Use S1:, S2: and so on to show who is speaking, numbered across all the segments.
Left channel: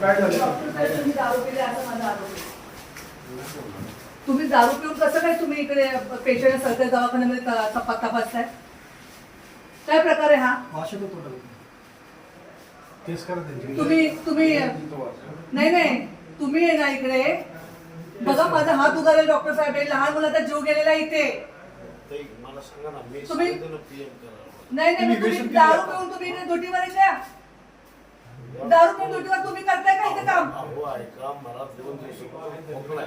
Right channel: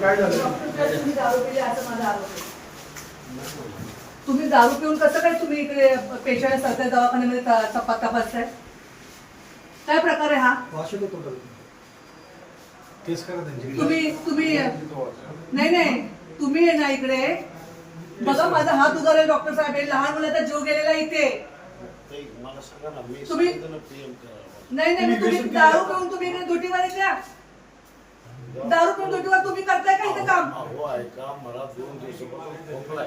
S1: काय झालं
S2: तुम्ही दारू पिली असं माझा आरोप आहे. तुम्ही दारू पिऊन कसं काय तुम्ही इकडे पेशंट सरकारी दवाखान्यामध्ये त- तपा तपासताय काय प्रकार आहे हा
S3: केस करा त्यांची
S2: तुम्ही तुम्ही नाही नाही तुम्ही आहे ना इकडे बघा माझा हात उगारेल डॉक्टर साहेब. हे लहान मुलाचा जीव गेलेला आहे इथे
S4: मला सांगा ना मी
S2: तुम्ही-
S4: सांगितलं पीएम करावं.
S2: नाही नाही
S3: तुम्ही
S2: दारू. पिऊन तुम्ही आहे का दारू पिऊन ड्युटीवर तुम्ही करताय का इथे काम?
S4: अहो ऐका मला दोन दिवसापासून खोकलाय.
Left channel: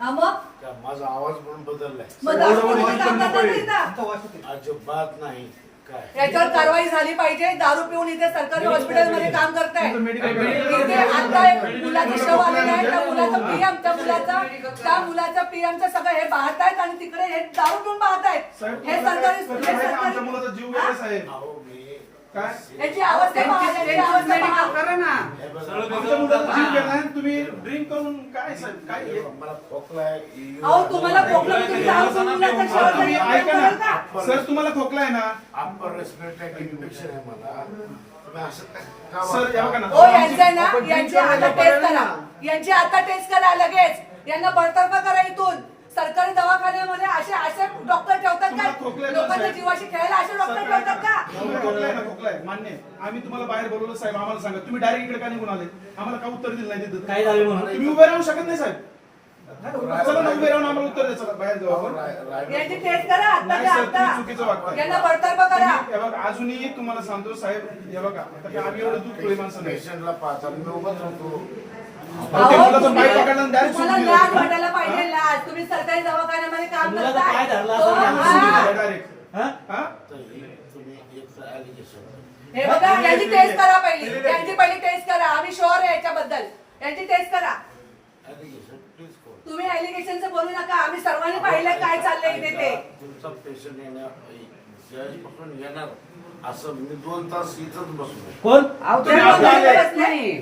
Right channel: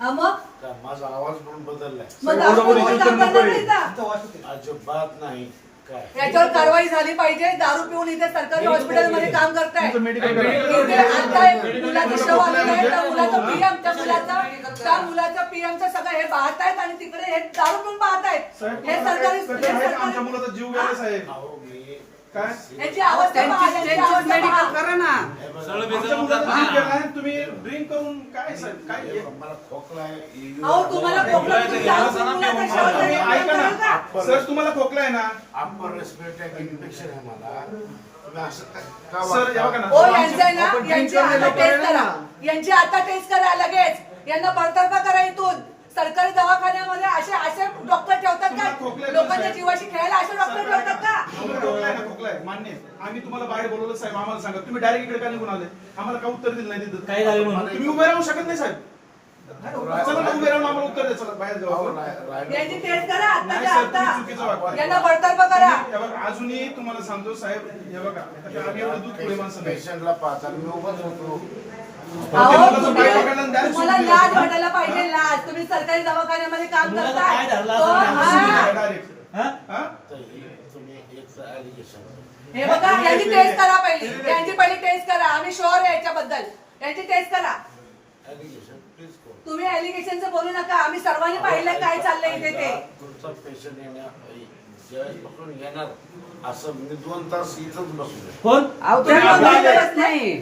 S2: हा मग?
S4: का माझा आवाज पण बदललाय.
S2: मग दारू पिऊन तुम्ही काम करताय का इथं?
S3: तुमचा वास येते
S4: अजिबात नाही.
S2: याच्यावर कारवाई झाली पाहिजे. दारू पिऊन इथे सरकारी हॉस्पिटलमध्ये काम करताय. इथे आता एक मुलाचा शव आलेला आहे. त्या मुलाचं पीएम त्या मुलाचा त्या मुलाच्या पीएमचं सगळं हे पाहतायत आणि तिकडे हे दारू पिऊन पाहतायत. हे सरकारी हे सरकारी
S1: जीव गेला साहेब. काय?
S2: याची अवस्था पहा याची अवस्था पहा
S4: हे बघा,
S1: आमच्या मुलाचा जीव गेला आणि तुम्ही ड्रिंक करून काय साहेब काय
S4: हे बघा, मला खोकला आहे
S2: अहो तुम्हाला खोकला तुम्ही दारू पिऊन मुलाच्या शवात
S1: तुम्ही
S2: जाऊन
S1: ऐका
S2: काम कराल का?
S1: ना सर तुम्हाला खोकला आहे ना?
S4: अप्पर रेस्पिरेटरी इन्फेक्शन आहे मला. तुम्ही असं काय का
S1: सर या बघा
S4: वागता?
S1: ना.
S2: हो यांचं आहे ना यांची आता टेस्ट करा. यांची आता टेस्ट करा लगेच. यांना बडतर्फ करा इथून सरकारी दवाखान्यामध्ये असे असे का लोकांच्या? जीवाशी खेळायला असे डॉक्टर का?
S1: मान्य. आम्ही तुम्हाला बाहेर बोलवलं साहेब आम्हाला सांगा. तुम्ही डायरेक्ट इकडे का निघून आले? आम्हाला का उत्तर दिलं नाही तिथं?
S3: काय झालं म्हणून?
S1: तुम्ही उभे राहू शकत नाही साहेब. अजूनही तुम्हाला सांगतो साहेब हे बघा आता आम्ही एवढं दूध पुढे माणसं नाही.
S4: पेशंटला पाहताना मी उभाच राहतो.
S2: तुम्हाला. लाज वाटायला पाहिजे लाज तुम्ही सरकारी दवाखान्यामध्ये काम करताय. हा.
S1: डायरेक्ट?
S4: तर तुम्ही एक ॲलिगेशन
S2: बघा यांची टेस्ट करा पहिली. यांची पहिली टेस्ट करा. आम्ही शुअर आहे याच्याबद्दल. यांची टेस्ट करा.
S4: ॲलिगेशन प्लीज कोण
S2: तुम्ही एलिगेशनचं बोलू नका. आम्ही सर्वांनी पाहिलंय काय चाललंय इथे ते.
S4: तुमचा पेशंट येण्या जज पकडून येणार असं मी दोन तास इथंच बसलो
S3: कोण.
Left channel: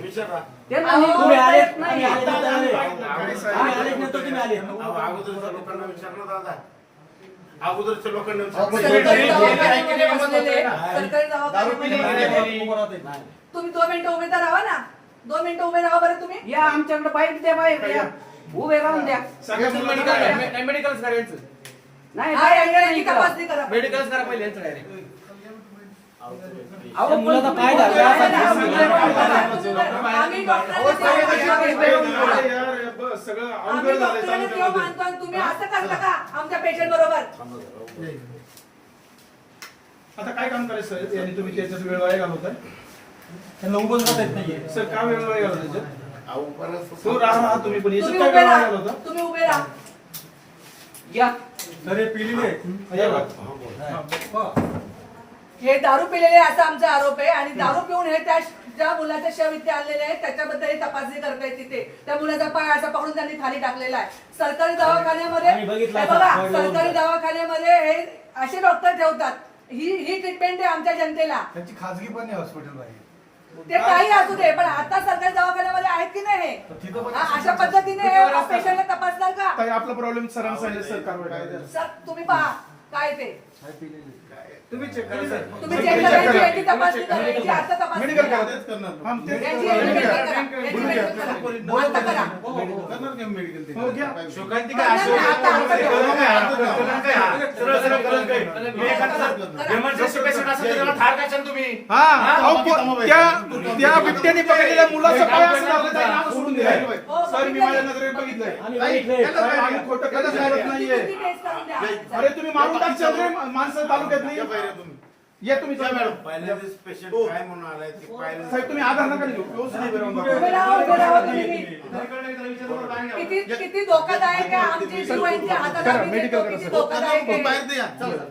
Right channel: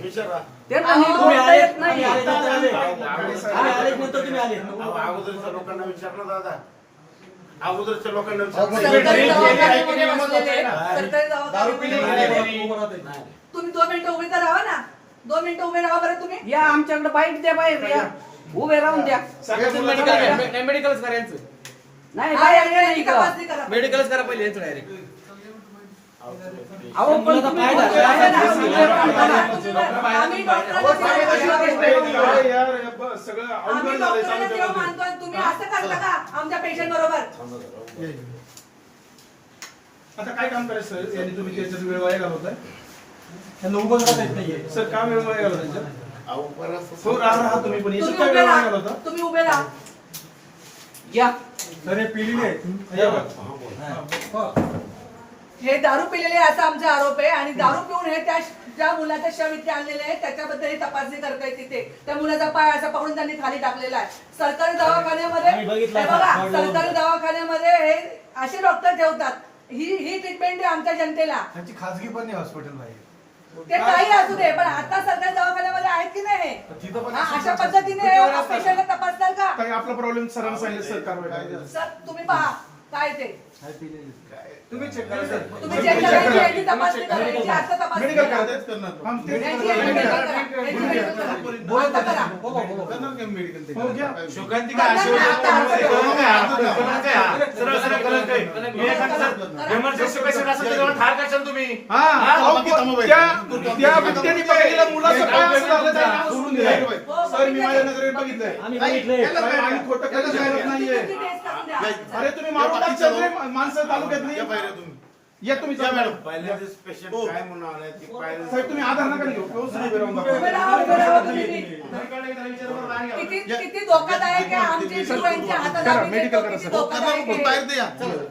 S4: विचारा.
S5: ते
S3: तुम्ही आले. आम्ही आले नंतर आले. आम्ही नंतर तुम्ही आले
S4: अहो, अगोदरच्या लोकांना विचारलं दादा. अगोदरच्या लोकांना
S2: सरकारी
S4: विचारलं.
S2: दवाखान्यामध्ये बसलेले. सरकारी दवाखान्यामध्ये
S4: नाही
S2: तुम्ही दोन मिनिटं उभे तर राहा ना. दोन मिनिटं उभे राहा बरं तुम्ही.
S5: या आमच्याकडे बाईट द्या बाहेर या. उभे राहून द्या.
S6: मेडिकलच करायचं
S5: नाही
S2: हा,
S5: या इथं.
S2: तपासणी करा.
S6: पहिले यांचं डायरेक्ट
S4: तुम्ही
S3: मुलाचा पाय
S1: अहो, आहे.
S4: जरा, उभं.
S1: आता काय काम करायचं सर? यांनी तुम्ही त्याच्यात वेळ वाया घालवताय?
S3: त्यांना उभं राहता येत नाहीये.
S1: सर का वेळ वाया घालवता त्याच्यात?
S4: अहो, परत
S1: हो राहा राहा तुम्ही पण याच्यात
S2: तुम्ही
S1: काय वेळ वाया घालवता
S2: तुम्ही उभे राहा.
S5: या
S3: सर हे पिलेले आहेत.
S1: हे
S2: दारू पिलेले असा आमचा आरोप आहे आणि दारू पिऊन हे त्या ज्या मुलाच्या शव इथे आणलेले आहेत त्याच्याबद्दल हे तपासणी करताय तिथे त्या मुलाचा पाय असा पकडून त्यांनी खाली टाकलेला आहे सरकारी दवाखान्यामध्ये हे. बघा. सरकारी दवाखान्यामध्ये हे असे डॉक्टर ठेवतात ही ही ट्रीटमेंट आहे आमच्या जनतेला
S3: त्यांची खाजगी पण हॉस्पिटल आहे
S2: ते काही असू दे पण आता सरकारी दवाखान्यामध्ये आहेत की नाही हे? हा, अशा पद्धतीने पेशंटला तपासणार का
S1: आपला प्रॉब्लेम सरांना सांगितलं. सर
S2: तुम्ही पहा काय ते.
S1: तुम्ही चेक करा. सर
S2: तुम्ही चेक करायची याची तपासणी करायची आता तपासणी करा.
S1: हा,
S2: यांची. यांची medical?
S1: हो
S6: असेल तर त्याला ठार करशाल तुम्ही.
S1: हा, अहो, त्या- त्या बिबट्याने पकडलेल्या मुलाचं पाय असं लागलं त्याला? नाव सोडून दिलंय. सर मी माझ्या नजरेत बघितलंय.
S3: आम्ही बघितलंय.
S1: खोटं कधीच बोलत नाहीये.
S2: करून द्या.
S1: अरे तुम्ही मारून माणसं तालुक्यात नाही या तुम्ही चला मॅडम
S4: पहिल्या दिवस पेशंट काय म्हणून आलाय ते पाहिलं
S1: साहेब तुम्ही आधार नका घेऊ उभे.
S2: राहा, उभे राहा तुम्ही. किती किती धोकादायक आहे आमची जीवांची हातात
S1: करा,
S2: आम्ही
S1: medical
S2: देतो,
S1: करा,
S2: किती
S1: सर.
S2: धोकादायक आहे.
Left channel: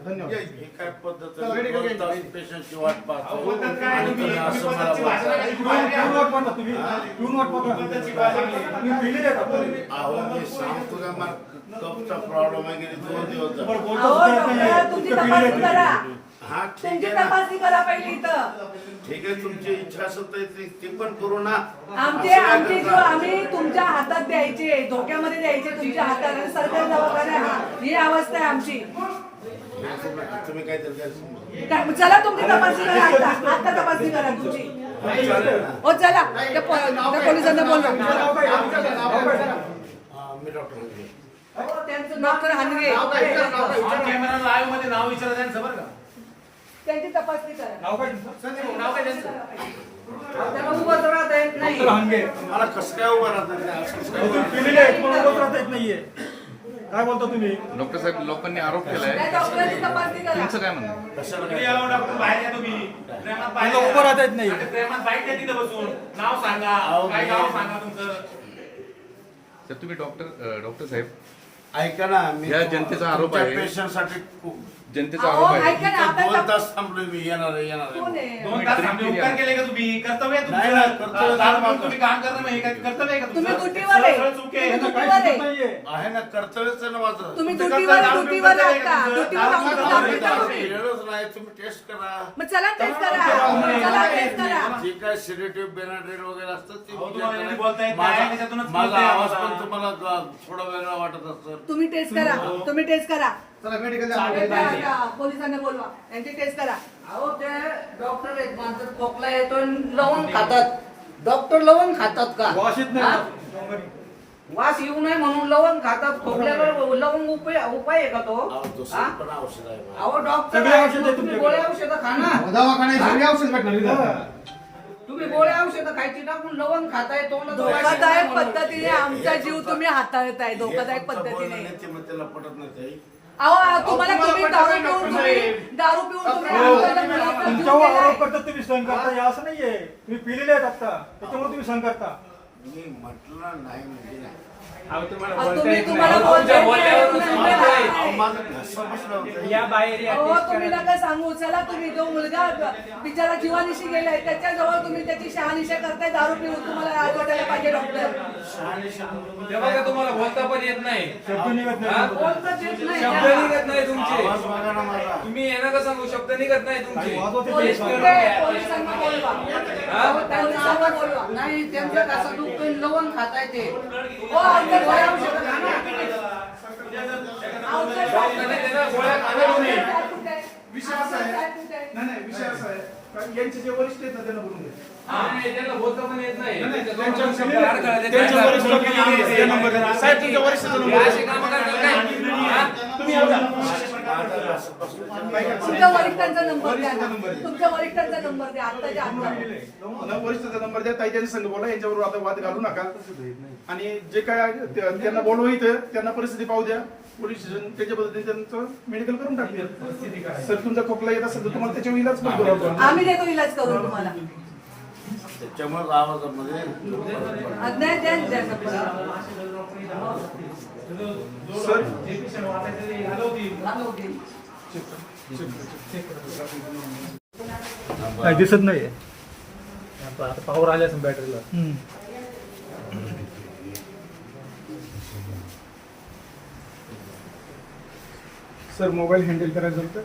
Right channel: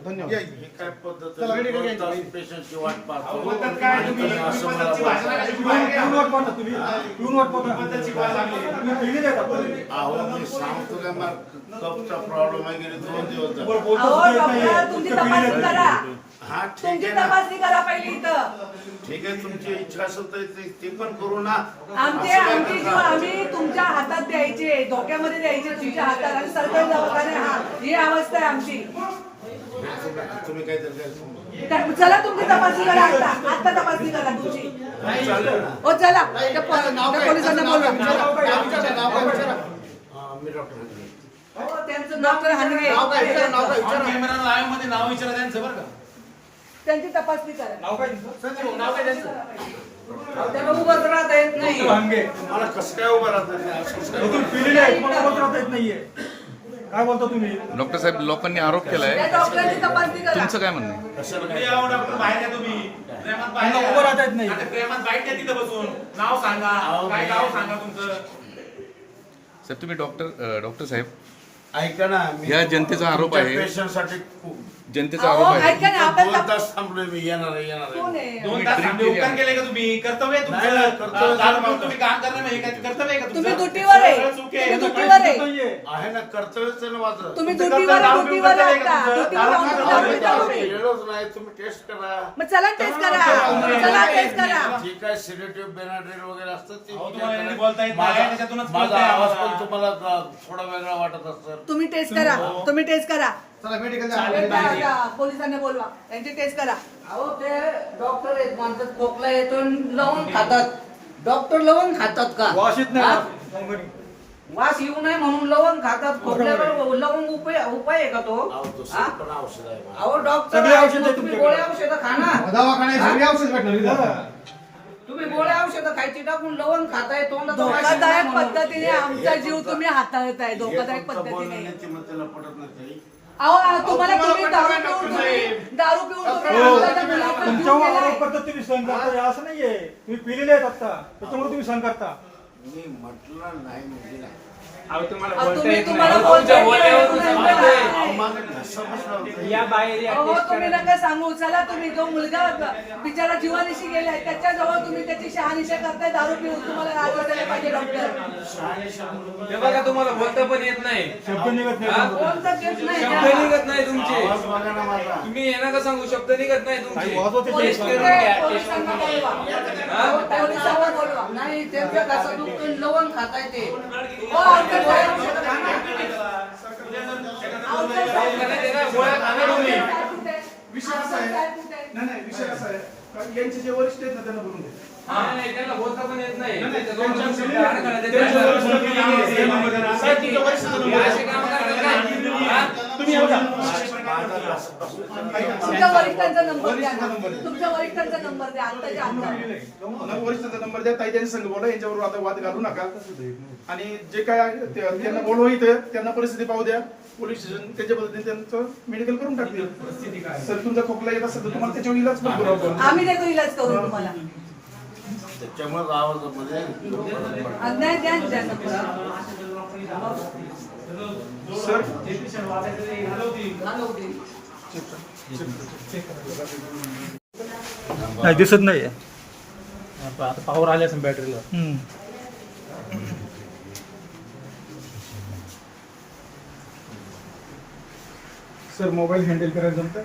S1: धन्यवाद.
S4: हे काय पद्धत
S1: चला, medical
S4: पेशंटची वाट पाहतो. आणि तुम्ही असं मला? अहो मी सांगतो का मला कपचा प्रॉब्लेम आहे गेले दोन दिवस झाले.
S2: अहो डॉक्टर. तुमची तपासणी. करा.
S4: हा ठीक
S2: तुमची
S4: आहे ना.
S2: तपासणी करा पहिली इथं.
S4: ठीक आहे तुमची इच्छा असेल तर ते- ते पण करू ना.
S2: आमची
S4: असं काय
S2: आमची जीव
S4: करता?
S2: आम्ही तुमच्या हातात द्यायची धोक्यामध्ये द्यायची तुमच्या हाताला आणि सरकारी हा ही अवस्था आहे आमची.
S4: तुम्ही काहीतरी
S2: त्या- चला तुमची तपासणी करा आता. आता तपासणी करा तुमची. हो चला. त्या पो- त्या पोलिसांना बोलवा.
S4: हा, मी डॉक्टर
S5: त्यांचं
S2: डॉक्टर हानगे.
S6: ऑन कॅमेरा लाईव्हमध्ये नाव विचारा त्यांचं बरं का.
S2: त्यांची तपासणी करा
S3: नाव काय तुमचं?
S6: संजय भाऊ, नाव काय त्यांचं?
S5: त्याला उभं राहता येत नाही.
S3: डॉक्टर हांगे.
S4: मला कसं काय उभं राहतं ते आज कसं काय उभं राहतं?
S3: पिलेले आहेत, तुम्हाला उभं राहता येत नाहीये. काय बोलता तुम्ही?
S7: डॉक्टर साहेब लोकांनी आरोप केलाय.
S2: त्या डॉक्टरांची तपासणी करा.
S7: तुमचं काय म्हणणं आहे?
S4: कशाला
S6: तुम्ही
S4: काय
S6: यावं डॉक्टर बाहेर या तुम्ही. प्रेमात बाहेर.
S3: उभं राहता येत नाही.
S6: आता प्रेमात बाईट नाही तिथं बसून. नाव सांगा.
S4: अहो,
S6: काय
S4: मी-
S6: नाव सांगा तुमचं?
S7: सर तुम्ही डॉक्टर डॉक्टर साहेब
S4: ऐका ना मी
S7: या जनतेचा आरोप आहे.
S4: पेशंटसाठी
S7: जनतेचा आरोप आहे.
S4: दोन तास थांबलोय मी येणार आहे येणार आहे.
S2: आहे?
S6: दोन तास
S7: drink
S6: थांबले,
S7: केली
S6: उपकार
S7: आहे.
S6: केले का तुम्ही? कर्तव्य आहे
S4: नाही, नाही,
S6: तुमचं.
S4: कर्तव्य
S6: दारू पिऊन. तुम्ही काम करणं नाही काय कर्तव्य आहे का
S2: तुम्ही
S6: तुमचं?
S2: ड्युटीवर आहे.
S6: सरळ चूक आहे.
S2: तुम्ही
S6: तुम्ही
S2: ड्युटीवर आहे.
S3: नाहीये
S4: आहे. ना कर्तव्यच आहे ना माझं
S2: तुम्ही
S6: तुमचं
S2: ड्युटीवर आहे
S6: कर्तव्य
S2: ड्युटीवर आहे
S6: दारू
S2: आता.
S6: पिऊन
S2: ड्युटीवर राहून
S6: दारू
S2: दारू
S6: पिऊन
S2: पिता तुम्ही
S4: वेळच नाही तुम्ही टेस्ट करा.
S2: मग चला टेस्ट करा. चला करा.
S4: सिलेटिव्ह बेनाड्रेल वगैरे असतात ते
S6: अहो,
S4: विचार
S6: तुम्हाला
S4: करा.
S6: एवढे बोलता येत नाही,
S4: माझा
S6: त्याच्यातूनच
S4: माझा
S6: कळतंय
S4: आवाज
S6: आम्हाला.
S4: पण तुम्हाला ग- थोडा वेगळा वाटत असतात
S2: तुम्ही टेस्ट करा. तुम्ही टेस्ट करा.
S3: चला मेडिकल
S2: पोलिसांना बोलवा. त्यांची टेस्ट करा.
S5: अहो ते डॉक्टर आहेत माणसं खोकला येतो आणि लवंग खातात. डॉक्टर लवंग खातात का?
S3: वाशीत
S5: हा?
S3: नाही.
S5: वास येऊ नये म्हणून लवंग खातात. खोकल्यावर लवंग उपाय उपाय आहे का तो?
S4: अहो,
S5: हा? डॉक्टर
S3: सगळी औषधं
S5: तुम्ही. गोळ्या औषधं खा ना.
S3: दवाखान्यात सगळी औषध भेटणार.
S5: तुम्ही गोळ्या औषधं खायची टाकून लवंग खाताय नये
S2: धोकादायक. पद्धतीने आमचा जीव तुम्ही हाताळताय धोकादायक
S4: हे
S2: पद्धतीने.
S4: त्याला पटत नाही.
S2: अहो तुम्हाला तुम्ही दारू पिऊन तुम्ही दारू पिऊन तुम्ही आमच्या मुलाचा जीव
S3: तुमच्यावर
S2: गेलाय.
S3: आरोप करतात तुम्ही सहन करता हे असं नाहीये तुम्ही पिलेले आहेत आता त्याच्यामुळे तुम्ही सहन करता
S4: मी म्हटलं नाही म्हणजे नाही.
S6: या बाहेर
S2: अहो तुम्ही. नका सांगू. चला तुम्ही जो मुलगा बिचारा जीवानिशी गेलाय त्याच्याजवळ तुम्ही त्याची शहानिशा करताय दारू पिऊन तुम्हाला आज वाटायला पाहिजे डॉक्टर
S8: ते बघा तुम्हाला बोलता पण येत नाही.
S3: शब्द निघत
S8: हा?
S3: नाही
S5: बोलता येत नाही.
S8: शब्द. निघत नाही तुमचे. तुम्ही हे नका सांगू शब्द निघत नाही तुमचे.
S3: ते.
S8: हा?
S5: नाही त्यांचं कसं दुखतं लवंग खाताय ते.
S1: विषय असा आहे. नाही नाही विषय असा आहे कारण यांचे जे वरिष्ठ आहेत ना त्यांना बोलून घ्या
S8: नाही, त्यांना बोलता पण येत नाही
S1: साहेब तुमच्या तुम्ही
S2: तुमच्या वरिष्ठांचा नंबर द्या ना.
S1: द्या.
S2: तुमच्या वरिष्ठांचा नंबर द्या आत्ताच्या आत्ता
S1: मला वरिष्ठाचा नंबर द्या ताई त्यांच्या संघ बोला यांच्याबरोबर आता वाद घालू नका आणि जे काय त्यांना बोलवा इथं त्यांना परिस्थिती पाहू द्या पोलीस स्टेशन त्याच्या पद्धतीने त्यांचं मेडिकल करून टाकतील सर तुमचा खोकला येत असेल तर तुम्हाला त्याच्यावर इलाज पण करू आपण.
S2: आम्ही देतो इलाज करू तुम्हाला
S4: फरक पडला.
S2: अन्याय द्या ना.
S3: नाही दिसत नाहीये
S6: पावर आले असेल बॅटरीला.
S1: सर मोबाईल हँडल करायला जमतं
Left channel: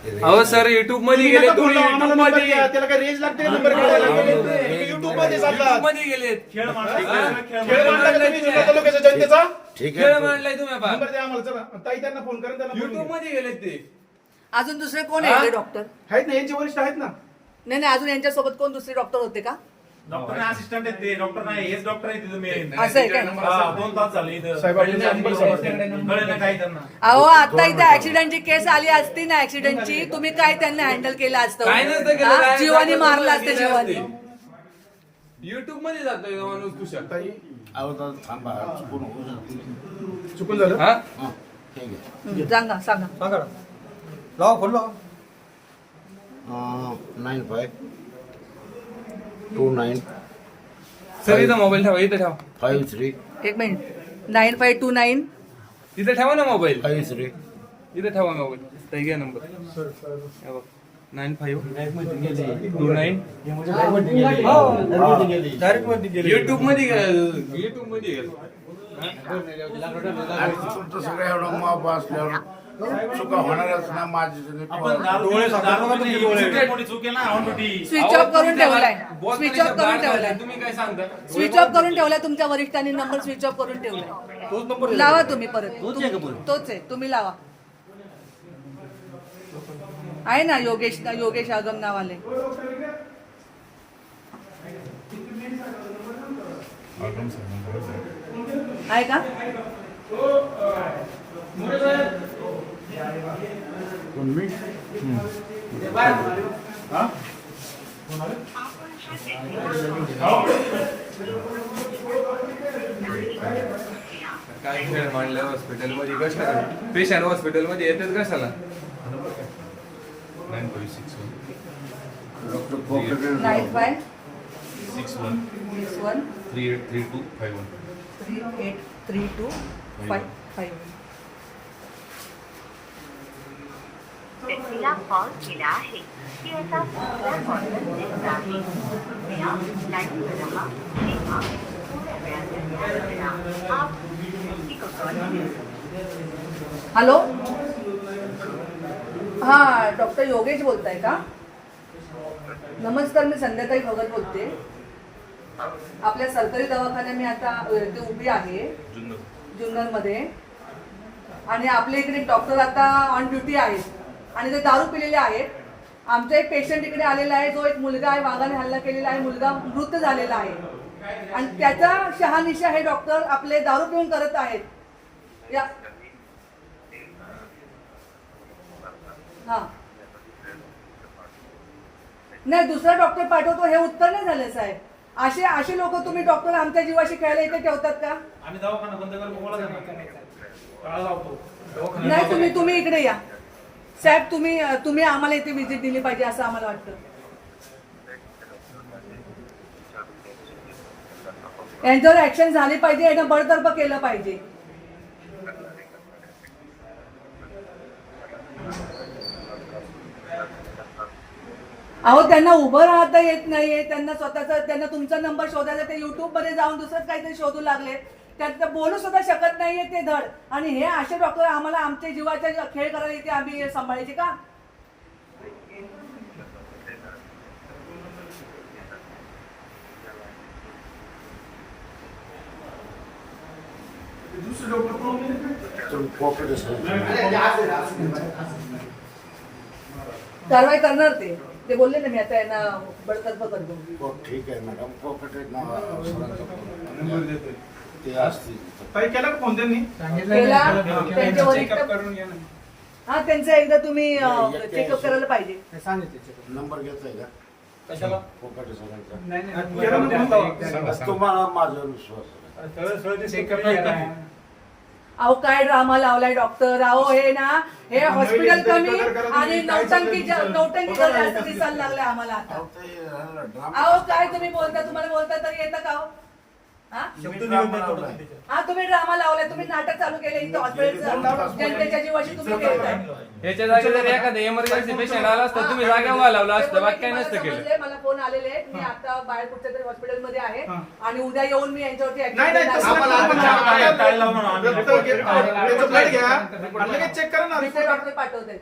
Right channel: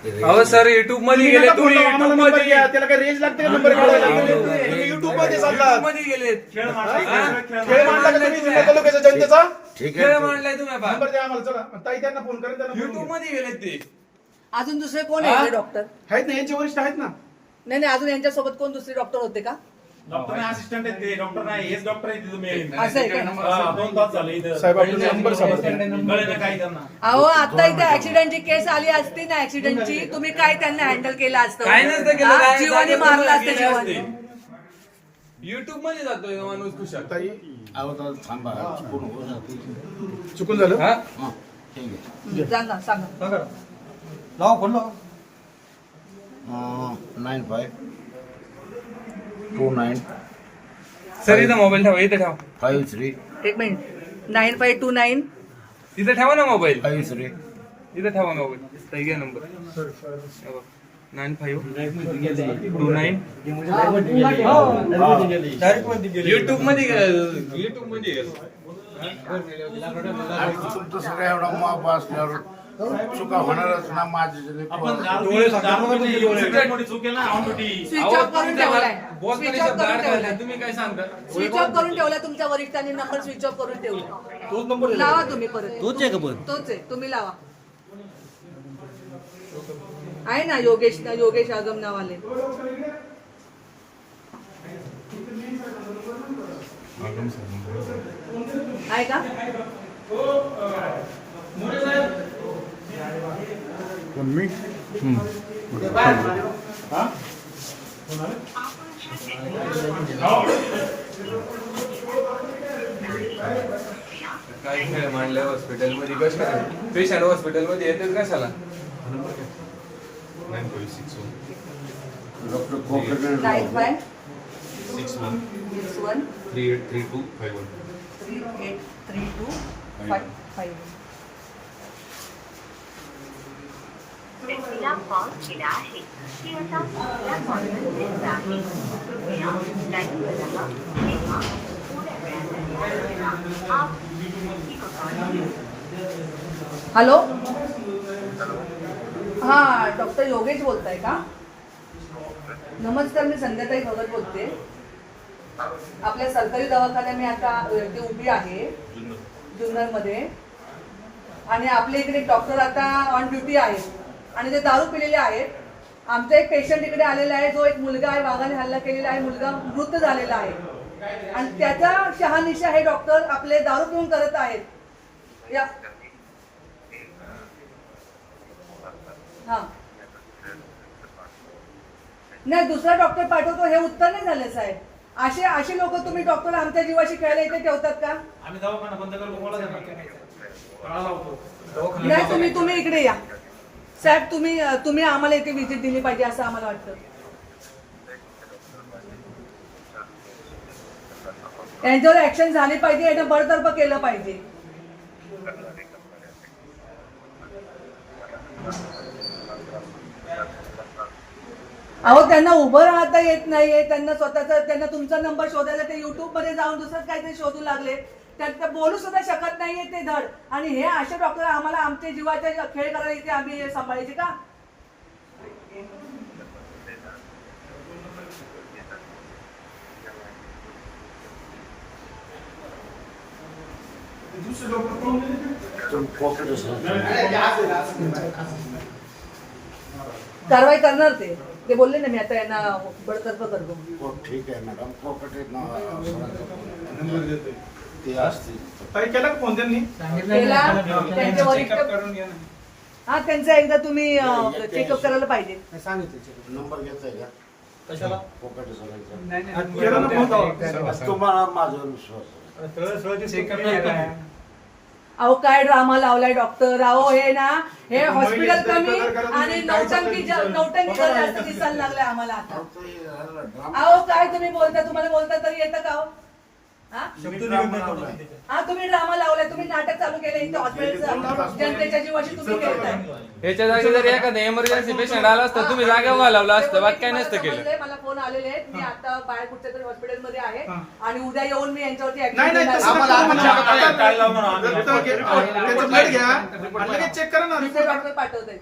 S8: अहो सर
S1: युट्यूबमध्ये
S8: गेले तुम्ही मध्ये.
S1: त्याला काय रेंज लागते का नंबर काढायला
S8: युट्यूबमध्ये
S1: चालतात
S8: मध्ये गेलेत.
S6: खेळ मांडला. खेळ
S1: खेळ मांडला का तुम्ही. जिल्हा तालुक्याच्या जनतेचा?
S4: ठीक
S8: खेळ
S4: आहे
S8: मांडलाय तुम्ही
S1: नंबर द्या आम्हाला चला. ताई त्यांना फोन करा त्यांना
S8: युट्यूब
S1: घ्या.
S8: मध्ये गेलेत ते.
S2: अजून दुसरे कोण आहे इथे डॉक्टर
S1: आहेत ना यांचे वरिष्ठ आहेत ना?
S2: नाही नाही अजून यांच्यासोबत कोण दुसरे डॉक्टर होते का?
S6: डॉक्टर नाही असिस्टंट आहेत ते डॉक्टर नाही हेच डॉक्टर आहे तिथं मेन
S2: असं आहे का?
S6: हा, दोन तास झाले इथं.
S1: साहेब, आपल्याला नंबर सांगा.
S6: कळलं ना काही त्यांना.
S2: अहो आता इथे ऍक्सिडेंटची केस आली असती ना ऍक्सिडेंटची तुम्ही काय त्यांना हँडल केलं असतं?
S8: काय नसतं केलं
S2: हा?
S8: काय-
S2: जीवानी
S8: काय-
S2: मारलं असतं
S8: गेले
S2: जीवानी.
S8: असते. युट्यूबमध्ये जातोय माणूस तुषार
S1: ताई.
S4: अहो थांबा. चुकून होऊ शकते.
S1: चुकून झालं?
S8: हा?
S4: हा ठीक आहे.
S2: सांगा सांगा.
S3: लावा फोन लावा
S4: nine five two nine
S8: sir इथं मोबाईल ठेवा इथं ठेवा.
S4: फाईव्ह थ्री
S2: एक minute nine five two nine
S8: इथं ठेवा ना मोबाईल
S4: फाईव्ह थ्री
S8: इथं ठेवा मोबाईल घ्या number nine five two nine युट्यूबमध्ये गेलं. युट्यूबमध्ये गेलं.
S4: आणि तुमचं सगळं एवढा माप असल्यावर चुका होणारच ना माझी
S6: आहे ना
S2: स्विच ऑफ करून ठेवलाय. स्विच ऑफ करून ठेवलाय.
S8: तुम्ही काय सांगता?
S2: स्विच ऑफ करून ठेवलाय तुमच्या वरिष्ठांनी नंबर स्विच ऑफ करून ठेवलाय.
S3: तोच नंबर
S2: लावा तुम्ही परत. तोच आहे तुम्ही लावा. आहे ना योगेश योगेश आगम नावाले. आहे का?
S8: काय खेळ मांडलं हॉस्पिटलमध्ये कशाला पेशंट हॉस्पिटलमध्ये येतात कशाला
S4: doctor
S2: five
S7: six one
S2: six one
S7: three eight three two five one
S2: three eight three two five five
S9: व्यक्तीला कॉल केला आहे. ती आता दुसऱ्या कॉलवर आहे. कृपया लाईनवर रहा किंवा थोड्या वेळाने कॉल करा आप जिस व्यक्ति को कॉल?
S2: हॅलो? हा डॉक्टर योगेश बोलताय का? नमस्कार मी संध्याकाळी भगत बोलते. आपल्या सरकारी दवाखान्यात मी आता इथे उभी आहे. जुन्नरमध्ये. आणि आपल्या इकडे एक डॉक्टर आता ऑन ड्युटी आहेत. आणि ते दारू पिलेले आहेत. आमचा एक पेशंट इकडे आलेला आहे जो एक मुलगा आहे वाघाने हल्ला केलेला आहे मुलगा मृत झालेला आहे. आणि त्याचा शहानिशा हे डॉक्टर आपले दारू पिऊन करत आहेत. या. हा. नाही दुसरा डॉक्टर पाठवतो हे उत्तर नाही झालं साहेब. असे असे लोक तुम्ही डॉक्टर आमच्या जीवाशी खेळायला इथे ठेवतात का?
S6: आम्ही दवाखाना बंद करतो
S2: नाही तुम्ही तुम्ही इकडे या. साहेब तुम्ही तुम्ही आम्हाला इथे व्हिजिट दिली पाहिजे असं आम्हाला वाटतं. यांच्यावर ऍक्शन झाली पाहिजे यांना बळतर्फ केलं पाहिजे. अहो त्यांना उभं राहता येत नाहीये त्यांना स्वतःचा त्यांना तुमचा नंबर शोधायचा ते युट्यूबमध्ये जाऊन दुसरंच काहीतरी शोधू लागले. त्यात ते बोलू सुद्धा शकत नाहीये ते धड. आणि हे असे डॉक्टर आम्हाला आमच्या जीवाचे खेळ करायला इथे आम्ही सांभाळायचे का? कारवाई करणार ते. ते बोलले ना मी आता यांना बडतर्फ करतो.
S4: हो, ठीक आहे मॅडम. ते असतील.
S1: ताई केला का फोन त्यांनी?
S2: केला. त्यांचे वरिष्ठ
S3: करून घ्या ना.
S2: हा त्यांचा एकदा तुम्ही चेकअप करायला पाहिजे.
S4: नंबर घेताय का?
S3: कशाला?
S4: कोकटे सरांचा
S3: नाही
S1: केला ना फोन.
S3: नाही
S4: तुम्हाला माझ्यावर विश्वास आहे.
S3: सरळ सरळ ते चेकअप नाही
S2: अहो काय ड्रामा लावलाय डॉक्टर अहो हे ना हे हॉस्पिटल कमी आणि नौटंकी नौटंकी? जास्त दिसायला लागले आम्हाला आता.
S4: अहो, ते
S2: काय तुम्ही बोलता? तुम्हाला बोलता तरी येतं का हो? हा?
S3: शब्द निघत नाही तोंडातून त्याच्या.
S2: हा तुम्ही ड्रामा लावलाय तुम्ही नाटक चालू केले इथे जनतेच्या जीवाशी तुम्ही खेळताय.
S8: याच्या जागी जर एखादा एमर्जन्सी पेशंट आला असता तुम्ही जागा उभा लावला असतं बाकी काय नसतं केलं
S2: मला फोन आलेले आहेत मी आता बाहेर कुठच्या तरी हॉस्पिटलमध्ये आहे
S1: हा.
S2: आणि उद्या येऊन मी यांच्यावरती
S1: नाही नाही
S2: घेणार
S1: तसं
S2: आहे.
S1: नका करू म्हणा.
S6: आम्हाला
S1: आता
S6: काय लावू म्हणा आम्ही?
S1: रक्त घे- त्याचं ब्लड घ्या आणि लगेच चेक करा ना
S2: दुसरे
S1: रिपोर्ट
S2: पाठवते.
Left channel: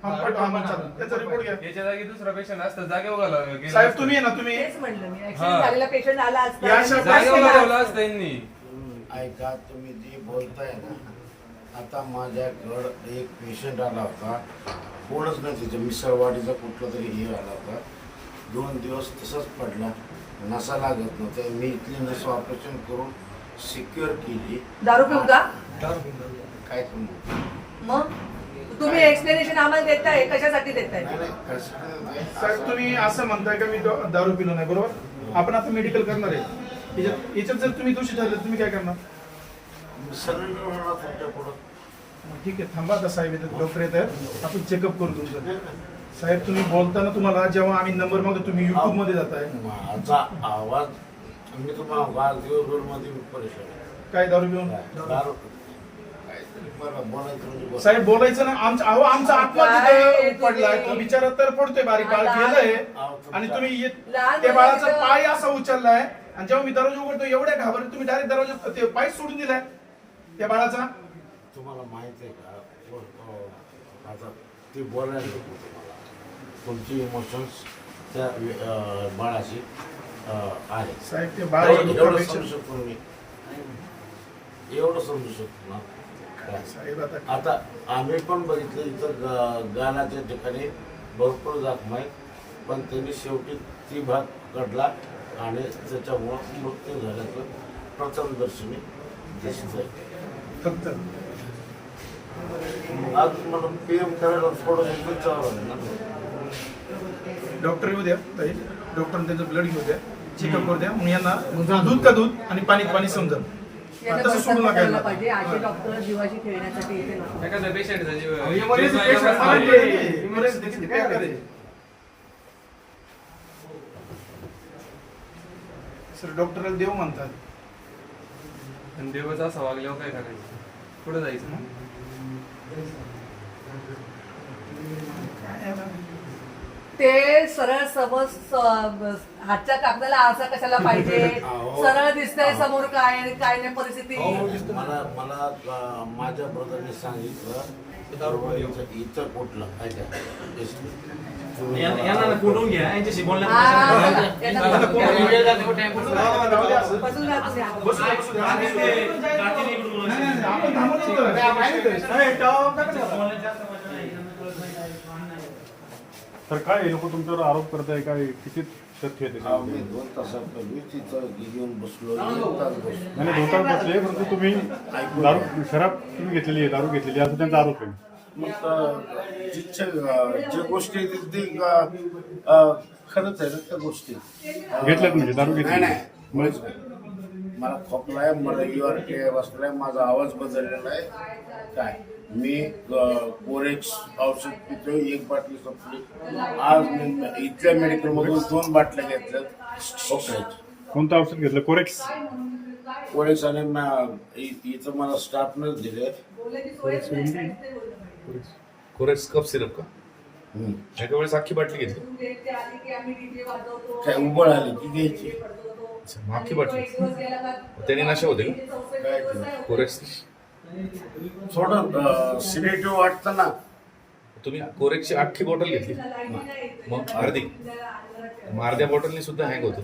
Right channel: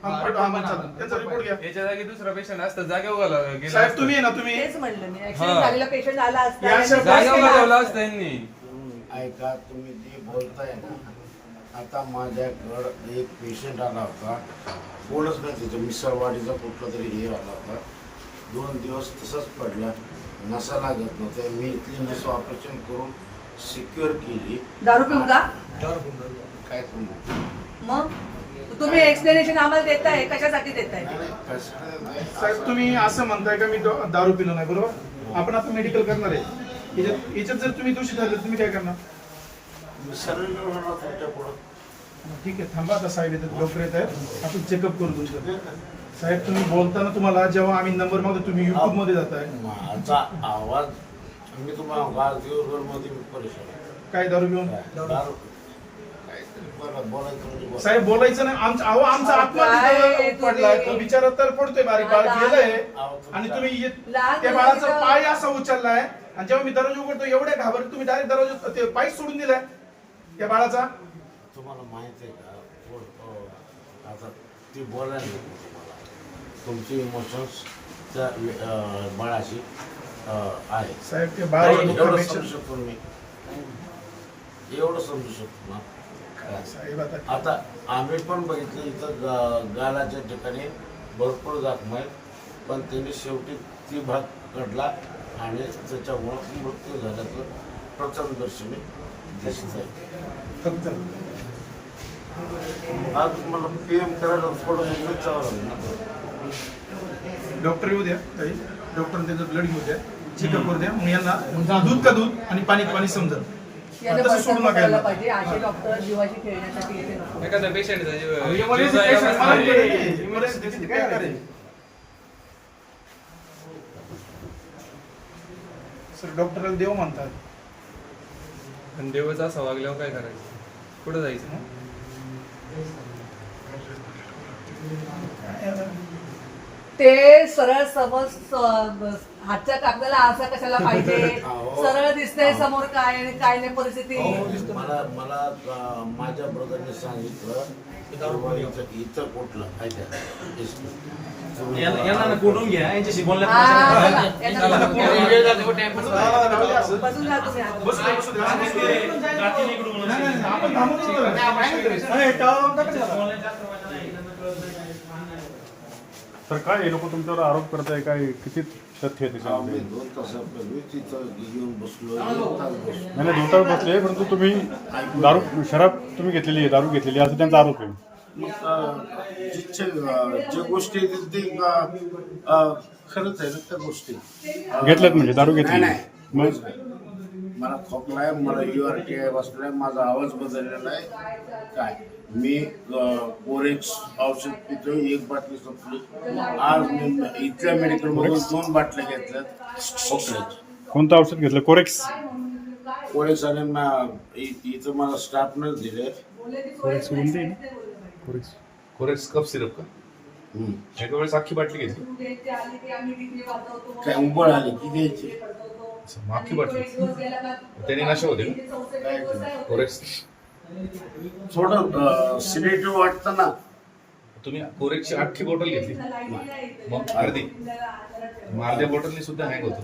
S1: त्याचा रिपोर्ट घ्या
S8: याच्या जागी दुसरा पेशंट असता जागा उभा लावला गेला
S1: साहेब. तुम्ही आहे ना तुम्ही
S2: तेच म्हणलं मी ऍक्सिडेंट
S8: हा.
S2: झालेला पेशंट आला असता
S1: या
S8: लावला
S2: असता.
S8: असता यांनी
S4: ऐका तुम्ही जे बोलताय ना आता माझ्याकडं एक पेशंट आला होता. कोणच नाही तिचं मिसळवाडीचा कुठला तरी हे आला होता. दोन दिवस तसंच पडला. नसा लागत नव्हते. मी इथली नस ऑपरेशन करून सिक्युअर केली.
S2: दारू पिऊ का?
S4: काय तुम्ही
S2: मग? तुम्ही एक्सप्लेनेशन आम्हाला देताय? कशासाठी देताय?
S4: नाही नाही कसं नाही.
S1: साहेब तुम्ही असं म्हणताय का मी द- दारू पिलो नाही? बरोबर? आपण आता मेडिकल करणार आहे. याच्यात याच्यात जर तुम्ही दोषी ठरले तुम्ही काय करणार?
S4: तुमच्या पुढं
S1: ठीक आहे थांबा आता साहेब येतात डॉक्टर येत आहेत आपण चेकअप करू तुमचं. साहेब तुम्ही बोलताना तुम्हाला जेव्हा आम्ही नंबर मागतो तुम्ही युट्यूबमध्ये जाताय.
S4: माझा आवाज मी तुम्हाला आज दिवसभरमध्ये मी परेशान आहे.
S1: काय दारू घेऊन?
S4: दारू? बोलायचं म्हणजे बोला.
S1: साहेब बोलायचं ना आमचा अहो आमचा आत्मा तिथे पडलाय तो बिचारा तर पडतोय बारीक बाळ गेलंय आणि तुम्ही ये-
S2: लहान
S1: त्या बाळाचा पाय असा उचललाय. आणि जेव्हा मी दरवाजा उघडतो एवढ्या घाबरत तुम्ही डायरेक्ट दरवाजा ते पाय सोडून दिलाय. त्या बाळाचा?
S4: तुम्हाला माहीत आहे का? व- अ, आता ती बोलायला नको तुम्हाला. तुमचे इमोशन्स त्या अ, बाळाशी अ, आहे.
S1: साहेब ते बाळ
S4: एवढं एवढं समजू शकतो मी. एवढं समजू शकतो ना?
S1: साहेब आता
S4: आता आम्ही पण बघितलं इथं गा- गालाच्या ठिकाणी भरपूर जखम आहेत पण त्यांनी शेवटी ती भाग काढला आणि त्याच्यामुळं मृत्यू झाल्याचं प्रथमदर्शनी दिसत आहे
S1: फक्त.
S4: आज करायला
S1: डॉक्टर येऊ द्या ताई. डॉक्टर त्यांचं ब्लड घेऊ द्या. चेकअप करू द्या. मग यांना दूध का दूध आणि पाणी पाणी समजा तसं सोडू नका यांना. Emergency patient काय करायचं? सर डॉक्टरला देव म्हणतात.
S8: आणि देवाचं असं वागल्यावर काय करायचं? कुठं जायचं मग?
S2: ते सरळ समज हातच्या कागदाला आरसा कशाला पाहिजे?
S4: अहो.
S2: सरळ दिसतंय समोर काय आणि काय नाही परिस्थिती.
S4: मला मला अ, माझ्या ब्रदरने सांगितलं इथं कुठलं
S6: कोठून घ्या यांच्याशी
S2: हा,
S10: तर काय हे लोक तुमच्यावर आरोप करताय? काय किती तथ्य आहे त्याच्यामध्ये?
S4: दोन तासापूर्वी तिथं घेऊन बसलो एक तास बसलो.
S10: नाही नाही, बसले परंतु तुम्ही दारू शराब तुम्ही घेतलेली आहे दारू घेतलेली आहे असं त्यांचा आरोप आहे.
S4: मग अ, अ, ज्या गोष्टी आहेत ते अ, अ, खरंच आहे ना त्या गोष्टी.
S10: घेतल्यात म्हणजे, दारू घेतली.
S4: नाही. मला खोकला आहे मला युआरटी आहे बसलाय माझा आवाज बदललेला आहे. काय? मी कोरेक्स औषध पितोय एक बाटली संपली. आज मी इथल्या मेडिकल मधून दोन बाटल्या घेतल्यात. खोकल्याच्या
S10: कोणतं औषध घेतलं? कोरेक्स
S4: कोरेक्स आणि इथं मला स्टाफनच दिले.
S10: Corex Corex
S7: Corex cough syrup का?
S4: हम्म.
S7: एका वेळेस अख्खी बाटली घेतली.
S4: काय उबळ आली की घ्यायची?
S2: गेला का-
S7: त्याने नशा होते. कोरेक्स
S4: थोडं सिलेटिव्ह वाटतं ना.
S7: तुम्ही कोरेक्सची अख्खी बॉटल घेतली. मग अर्धी. मग अर्ध्या बॉटलनी सुद्धा हँग होतो.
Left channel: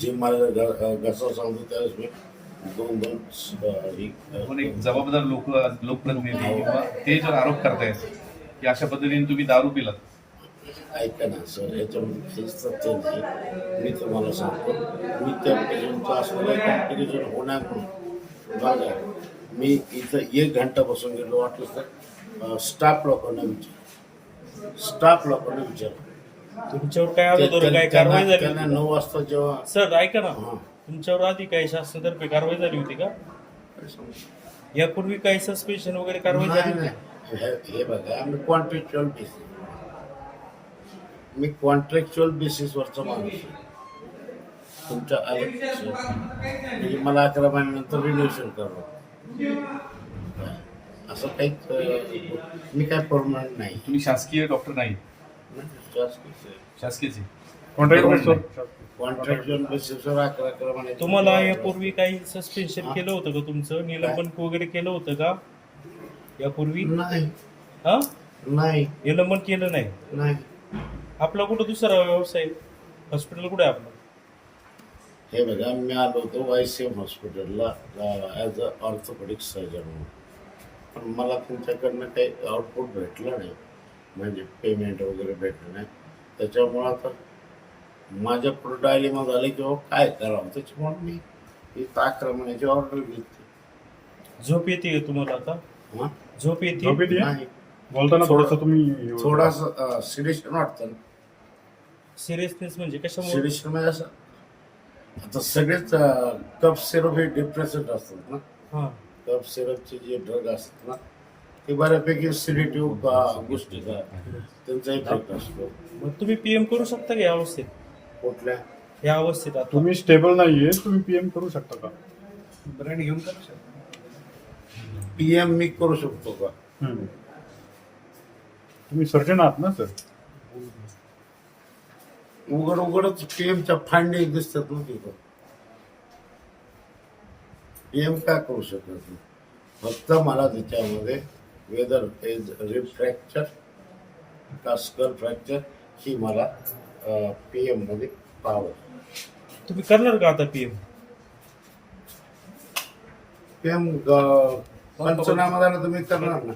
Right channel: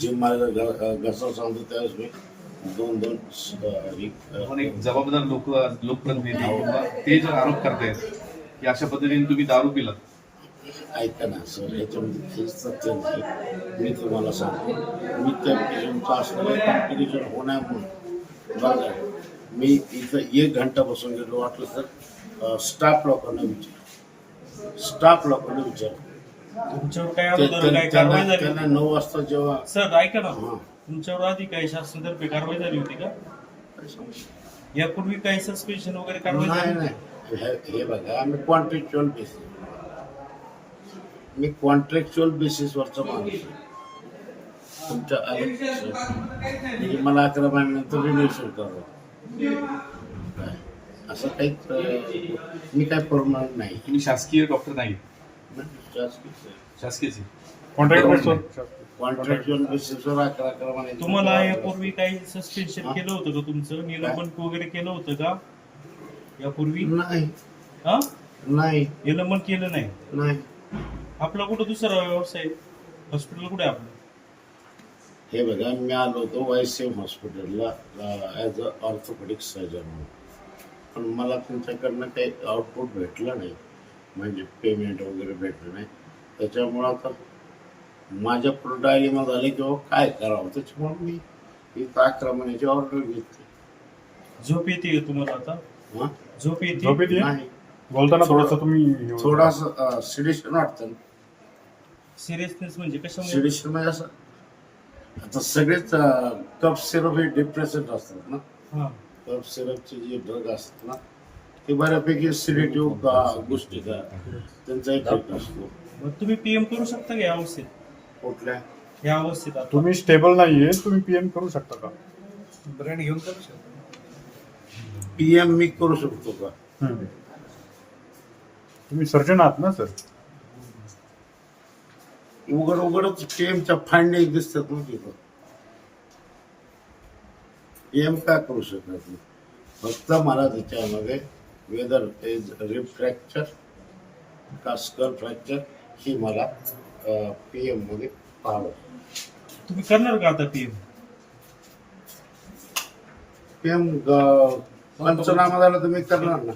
S4: जे ग- घसा सांगतो त्यावेळेस मी दोन दोन एक-
S7: पण एक जबाबदार लोक लोकप्रतिनिधी किंवा ते जर आरोप करतायत की अशा पद्धतीने तुम्ही दारू पिलात
S4: ऐका ना सर याच्यामध्ये काहीच तथ्य नाही. मी तुम्हाला सांगतो मी त्या पेशंटचं असलेलं कॉम्प्लिकेशन होण्यामुळे बरं का मी इथं एक घंटा बसून गेलो वाटलं तर स्टाफ लोकांना विचार स्टाफ लोकांना विचार
S3: तुमच्यावर काय अगोदर काय
S4: त्यांना
S3: कारवाई झाली
S4: त्यांना नऊ वाजता जेव्हा
S3: सर ऐका ना.
S4: हा.
S3: तुमच्यावर आधी काही शासनातर्फे कारवाई झाली होती का? यापूर्वी काही सस्पेन्शन वगैरे कारवाई
S4: नाही
S3: झाली
S4: नाही? हे हे बघा आम्ही कॉन्ट्रॅक्च्युअल बेसिस मी कॉन्ट्रॅक्च्युअल बेसिसवरचा माणूस आहे. तुमच्या म्हणजे मला अकरा महिन्यानंतर रिन्युएशन करावं काय? असं काही मी काय परमनंट नाही.
S7: तुम्ही शासकीय डॉक्टर नाही.
S4: नाही
S7: शासकीयचे
S10: कॉन्ट्रॅक्ट
S4: कॉन्ट्रॅक्च्युअल बेसिसवर अकरा अकरा महिने
S3: तुम्हाला यापूर्वी काही सस्पेन्शन केलं होतं का तुमचं? निलंबन वगैरे केलं होतं का? यापूर्वी?
S4: नाही.
S3: हा?
S4: नाही.
S3: निलंबन केलं नाही?
S4: नाही.
S3: आपला कुठं दुसरा व्यवसाय? हॉस्पिटल कुठे आहे आपलं?
S4: हे बघा मी आलो होतो वायसीएम हॉस्पिटलला ॲज अ ऑर्थोपेडिक सर्जन म्हणून. पण मला तुमच्याकडनं काही आउटपुट भेटलं नाही. म्हणजे पेमेंट वगैरे भेटलं नाही. त्याच्यामुळं आता माझ्या पुढं डायलेमा झाले किंवा काय करावं? त्याच्यामुळे मी इथं अकरा महिन्याची ऑर्डर घेतली.
S3: झोप येते का तुम्हाला आता?
S4: हां?
S3: झोप येते?
S10: झोप येते?
S4: नाही.
S10: बोलताना थोडंसं तुम्ही
S4: थोडासा सिडिशन वाटतं.
S3: सिरियसनेस म्हणजे कशामुळे?
S4: सिडिशन म्हणजे असं आता सगळेच कप सिरप हे डिप्रेसेंट असतात ना.
S3: हा.
S4: कफ सिरपचे जे ड्रग असतात ना ते बऱ्यापैकी सिलेटिव्ह गोष्टी का त्यांचा इफेक्ट असतो.
S3: मग तुम्ही पीएम करू शकता का या अवस्थेत?
S4: कुठल्या?
S3: या अवस्थेत आता.
S10: तुम्ही स्टेबल नाहीये तुम्ही पीएम करू शकता का?
S8: ब्रँड घेऊन करू शकतो.
S4: पीएम मी करू शकतो का.
S10: तुम्ही सर्जन आहात ना सर
S4: उघड उघडच पीएमच्या फांडी दिसतात ना तिथं पीएम काय करू शकत नाही. फक्त मला त्याच्यामध्ये वेदर इज रिप फ्रॅक्चर का स्कल फ्रॅक्चर ही मला पीएममध्ये पाहावं
S3: तुम्ही करणार का आता पीएम
S4: पीएम पंचनामा झाला तर मी करणार ना.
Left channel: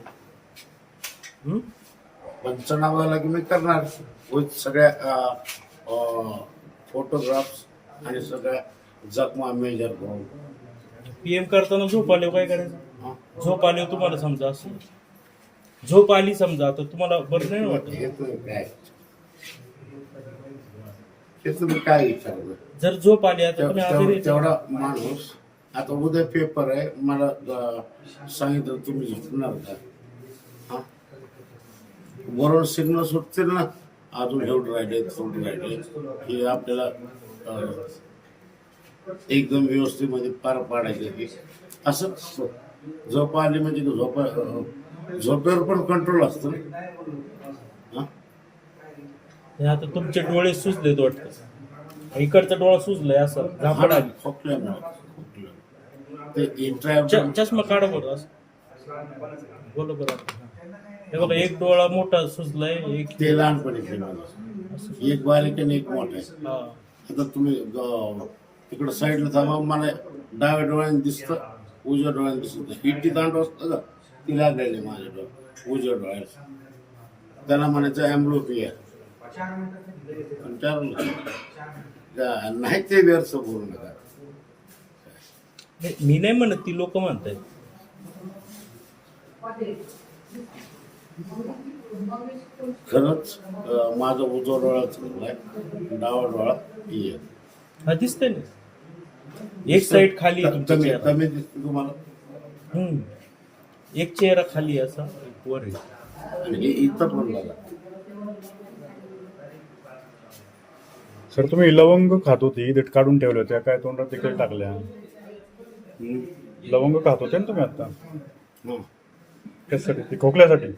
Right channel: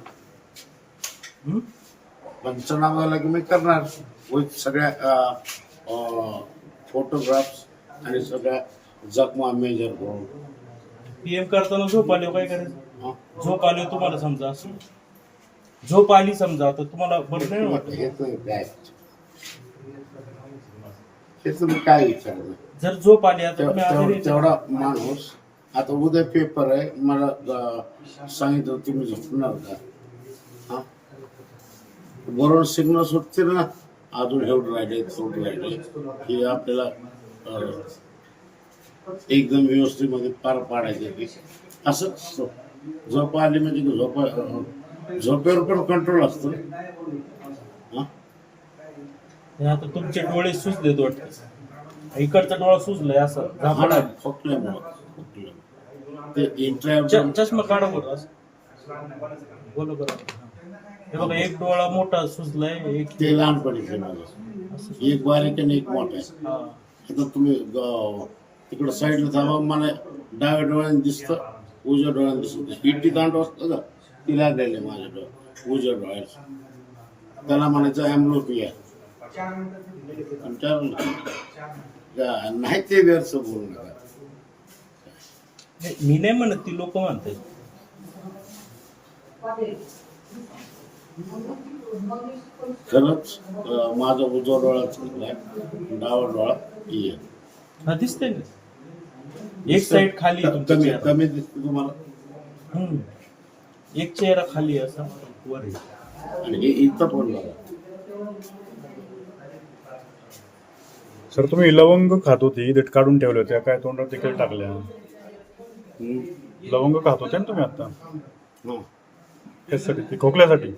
S4: पंचनामा झाला की मी करणार. विथ सगळ्या फोटोग्राफ्स आणि सगळ्या जखमा मेजर करून.
S3: पीएम करताना झोप आली काय करायचं?
S4: हं?
S3: झोप आली तुम्हाला समजा असं? झोप आली समजा आता तुम्हाला बरं नाही वाटत?
S4: हे काय? हे तुम्ही काय विचारलं
S3: जर झोप आली आता
S4: तेव- तेवढा माणूस आता उद्या पेपर आहे मला अं, सांगितलं तुम्ही झोपणार का? हा? बरोबर सिग्नल सुटतील ना? अजून एवढं राहिले तेवढं राहिले हे आपल्याला एकदम व्यवस्थेमध्ये पार पाडायचं की असं. झोप आली म्हणजे झोपा झोपेवर पण कंट्रोल असतं
S3: आता तुमचे डोळे सुजले वाटत इकडचा डोळा सुजलाय असं झापड
S4: ना,
S3: आली.
S4: खोकल्यामुळं खोकल्यामुळं. ते इंट्रा
S3: च- चष्मा काढा बोला बरं हे बघा एक डोळा मोठा सुजलाय एक
S4: ते लहानपणी माझं एक बारीक आणि एक मोठा आहे.
S3: हा.
S4: आता तुम्ही ग- तिकडं साईडला थांबा मला डाव्या डोळ्याने दिसतं उजव्या डोळ्याने दिसत. नाही हिट्टी दांड असतं का ती लागलेली माझ्या डोळ्या उजव्या डोळ्यात त्याला म्हणायचं का- नाही ते व्यर्थ बोलू नका.
S3: नाही, मी नाही म्हणत ती लोक म्हणतात
S4: खरंच माझा उजवा डोळा चुकलाय डावा डोळा ये
S3: हा दिसतंय ना? एक साईड खाली आहे तुमचा
S4: कमी
S3: चेहरा.
S4: कमी दिसते तुम्हाला?
S3: हम्म. एक चेहरा खाली आहे असा वर आहे.
S4: आणि हे इथं पण बघा.
S10: सर तुम्ही लवंग खात होती देठ काढून ठेवल्या होत्या काय तोंडात देखील टाकल्या?
S4: हम्म.
S10: लवंग खात होते ना तुम्ही आता?
S4: हं.
S10: त्यासाठी ती खोकल्यासाठी?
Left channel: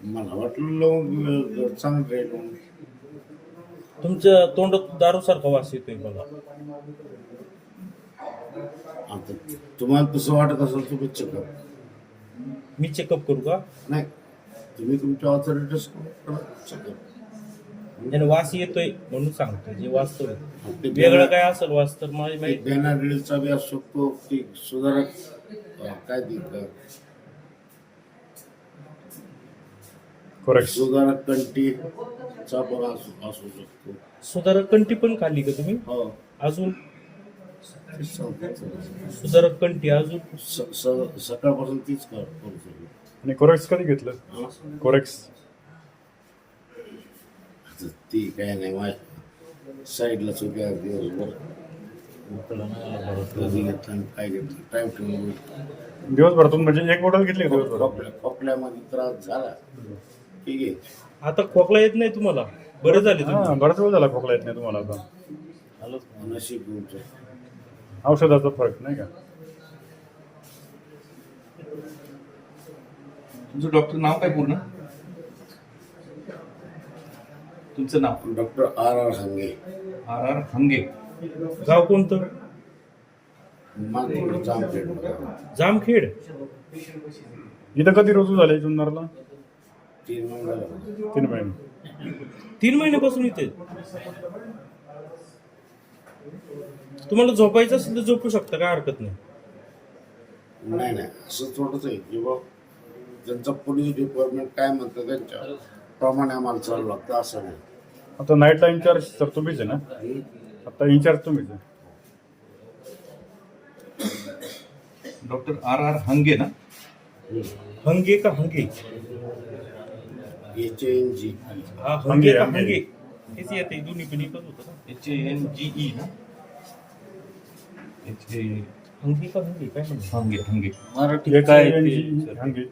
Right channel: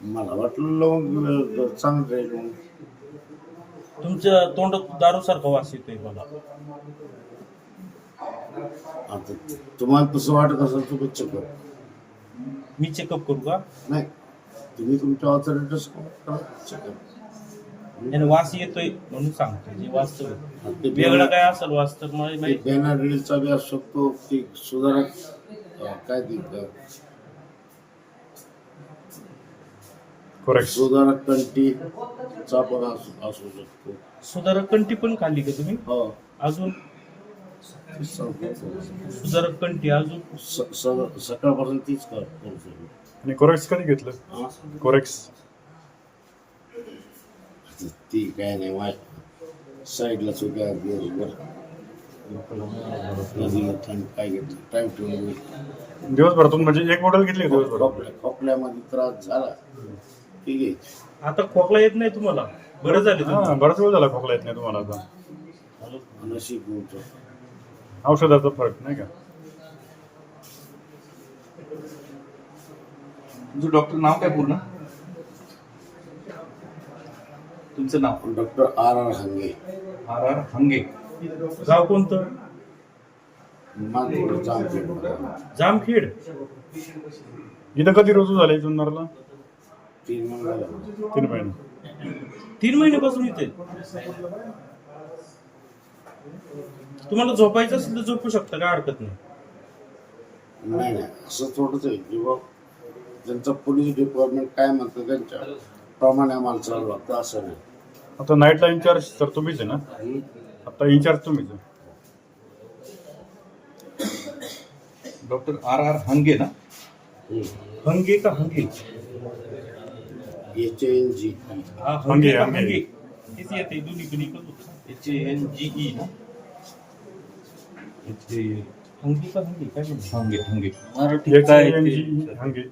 S4: मला वाटलं लवंग चांगलं राहील म्हणून.
S3: तुमच्या तोंडात दारू सारखा वास येतोय बघा.
S4: आता तुम्हाला तसं वाटत असेल तुम्ही चेकअप
S3: मी चेकअप करू का?
S4: नाही तुम्ही तुमच्या ऑथॉरिटीज चेकअप
S3: वास येतोय म्हणून सांगतो जे वास्तव आहे.
S4: ते
S3: वेगळं काय असेल वास तर मला
S4: बी असू शकतो ती सुधारक काय ती अं,
S10: करेक्ट
S4: सुधारक कंटीचा पण असू असू शकतो.
S3: सुधारक कंठी पण खाल्ली का तुम्ही?
S4: हो.
S3: अजून?
S4: सांगतो.
S3: सुधारक कंठी अजून?
S4: स- स- सकाळपासून तीच कर करतो मी.
S10: आणि कोरेक्स कधी घेतलं?
S4: हा?
S10: कोरेक्स
S4: आता ती काय नाही माझ्या साईडला चुक्या दिवसभर काय टाइम ठेवून
S10: दिवसभरातून म्हणजे एक बॉटल घेतली का
S4: खोकल्या खोकल्यामध्ये त्रास झाला की घे
S3: आता खोकला येत नाही तुम्हाला? बरं झाले
S10: हा बराच वेळ झाला खोकला येत नाही तुम्हाला आता.
S4: नशीब तुमचं
S10: औषधाचा फरक नाही का?
S7: तुमचं डॉक्टर नाव काय पूर्ण? तुमचं नाव?
S4: Doctor R R Hange.
S7: R R Hange.
S3: गाव कोणतं?
S4: जामखेड
S3: जामखेड?
S10: इथं कधी रोजू झाले जुन्नरला?
S4: तीन महिने झाले.
S10: तीन महिने.
S3: तीन महिन्यापासून इथे? तुम्हाला झोपायचं असेल तर झोपू शकता काय हरकत नाही.
S4: नाही नाही असं थोडंच आहे की बा ज्यांचं पोलीस डिपार्टमेंट काय म्हणतं त्यांच्या प्रमाणे आम्हाला चालू लागतं असं नाही.
S10: आता नाईटला इन्चार्ज तर तुम्हीच आहे ना? आता इन्चार्ज तुम्हीच आहे.
S7: डॉक्टर आर आर हंगे ना.
S3: हंगे का हंगे?
S4: एच एन जी
S3: हा
S10: हंगे,
S3: हंगे का
S10: हंगे.
S3: हंगे? तेच येते दोन्ही पण एकच होतं.
S7: एच एन जी ई ना एच ए
S3: हंगे का हंगे? काय म्हणतो
S7: हंगे हंगे.
S3: मराठी
S10: एक
S3: काय
S10: आहे
S3: ते?
S10: हंगे.